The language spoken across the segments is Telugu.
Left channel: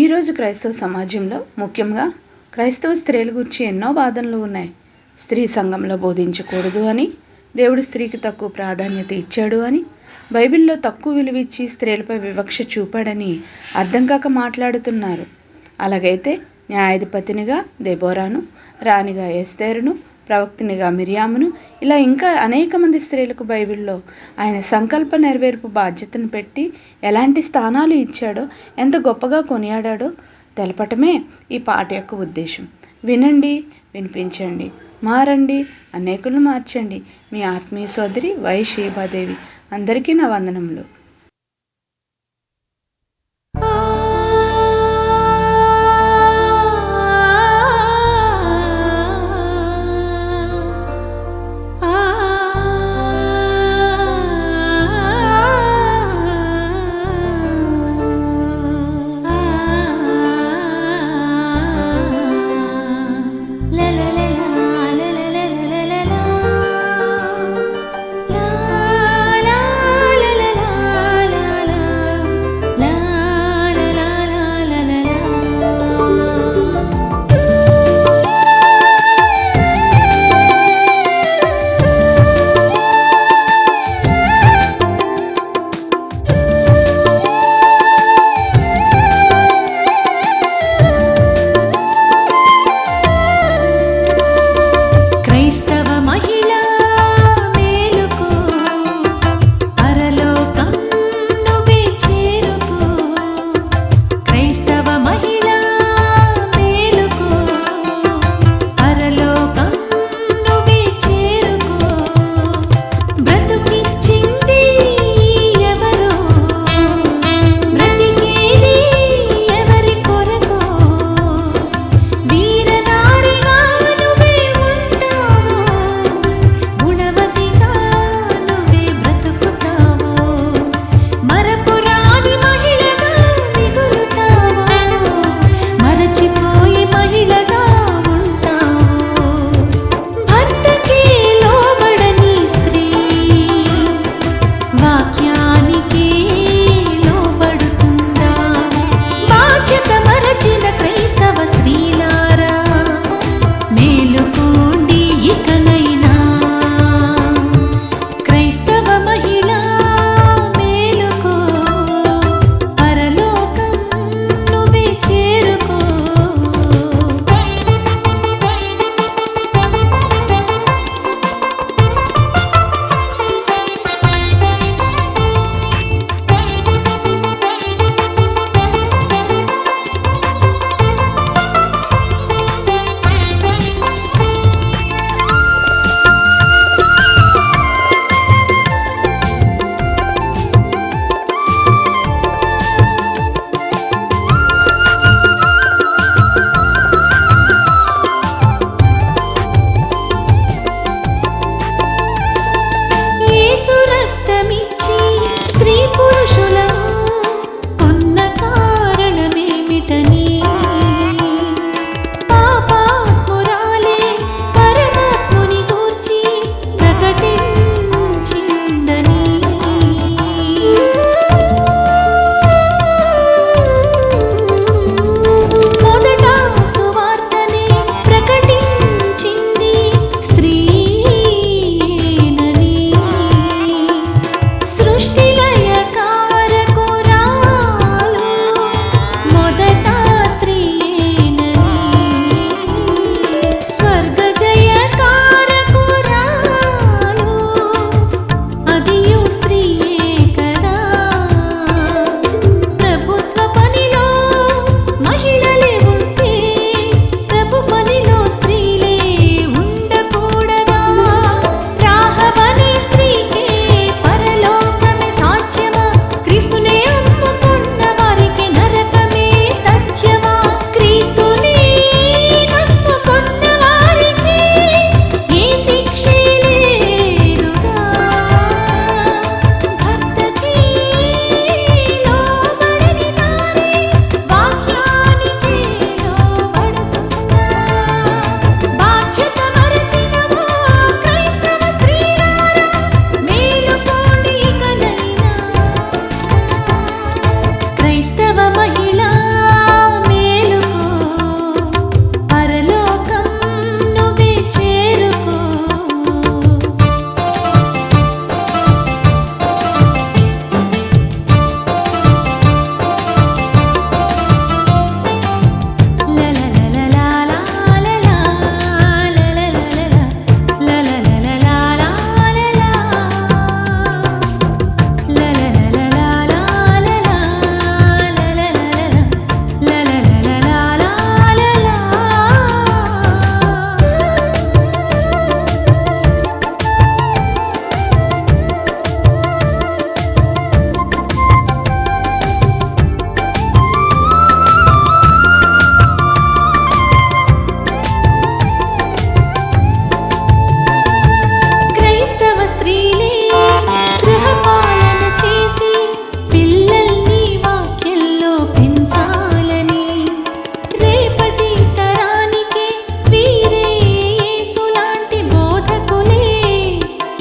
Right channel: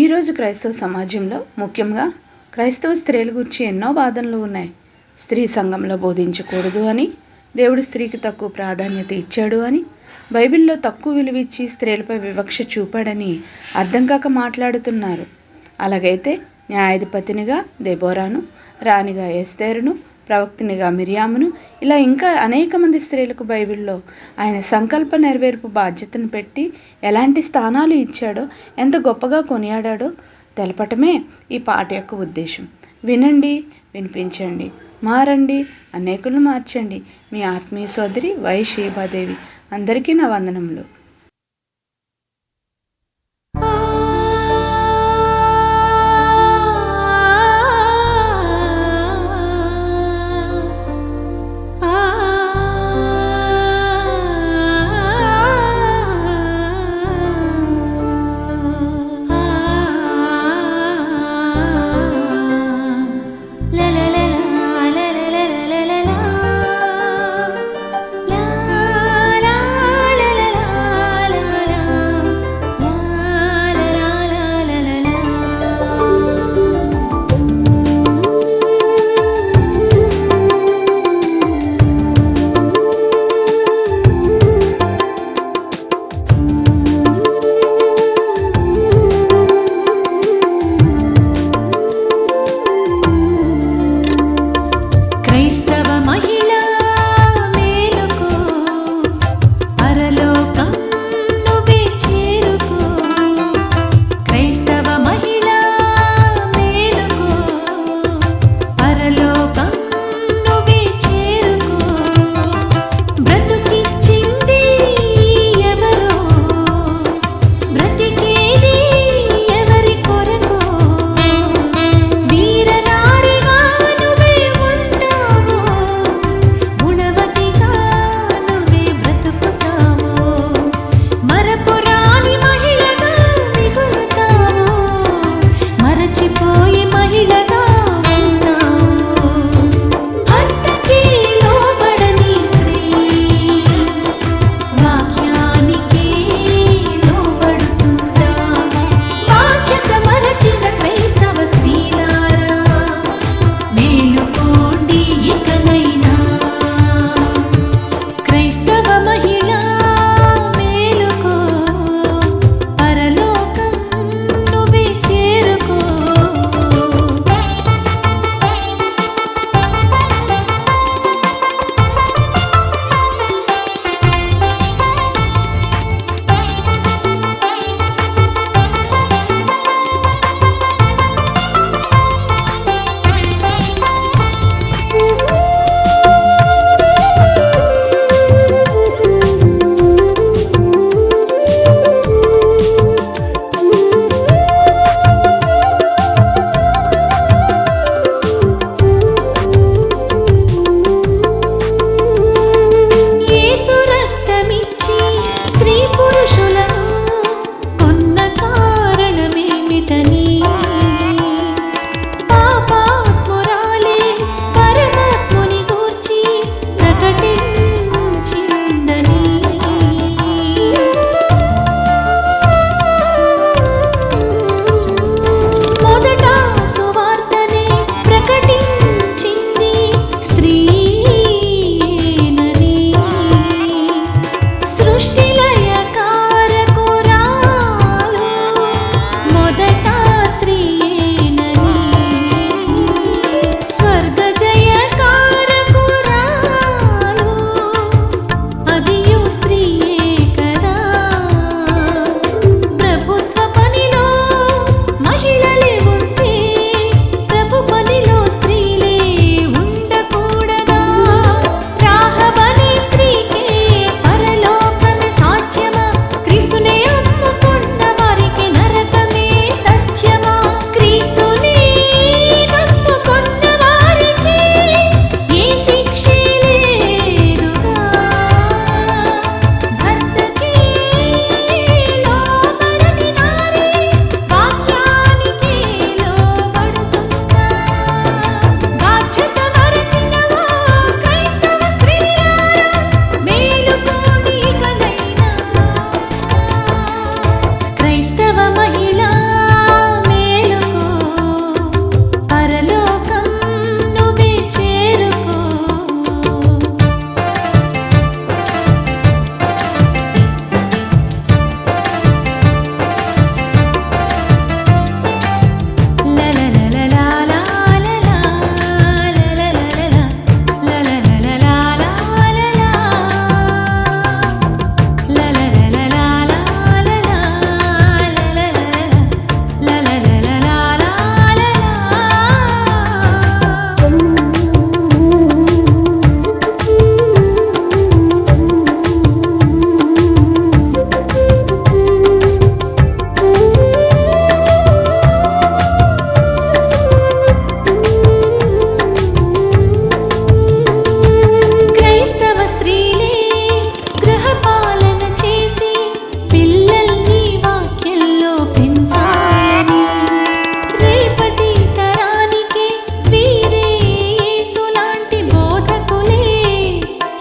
ఈరోజు క్రైస్తవ సమాజంలో ముఖ్యంగా క్రైస్తవ స్త్రీల గురించి ఎన్నో వాదనలు ఉన్నాయి. స్త్రీ సంఘంలో బోధించకూడదు అని దేవుడు స్త్రీకి తక్కువ ప్రాధాన్యత ఇచ్చాడు అని బైబిల్లో తక్కువ విలువ ఇచ్చి స్త్రీలపై వివక్ష చూపాడని అర్థం కాక మాట్లాడుతున్నారు. అలాగైతే న్యాయాధిపతినిగా దెబోరాను రాణిగా ఎస్తేరును ప్రవక్తినిగా మిరియామును ఇలా ఇంకా అనేక మంది స్త్రీలకు బైబిల్లో ఆయన సంకల్ప నెరవేర్పు బాధ్యతను పెట్టి ఎలాంటి స్థానాలు ఇచ్చాడో ఎంత గొప్పగా కొనియాడాడో తెలపటమే ఈ పాట యొక్క ఉద్దేశం. వినండి వినిపించండి మారండి అనేకులను మార్చండి. మీ ఆత్మీయ సోదరి వై శీభాదేవి. అందరికీ నా వందనములు. ಸರ್ವಮ క్రైస్తవ మహిళా.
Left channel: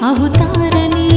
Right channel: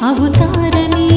అవుతారని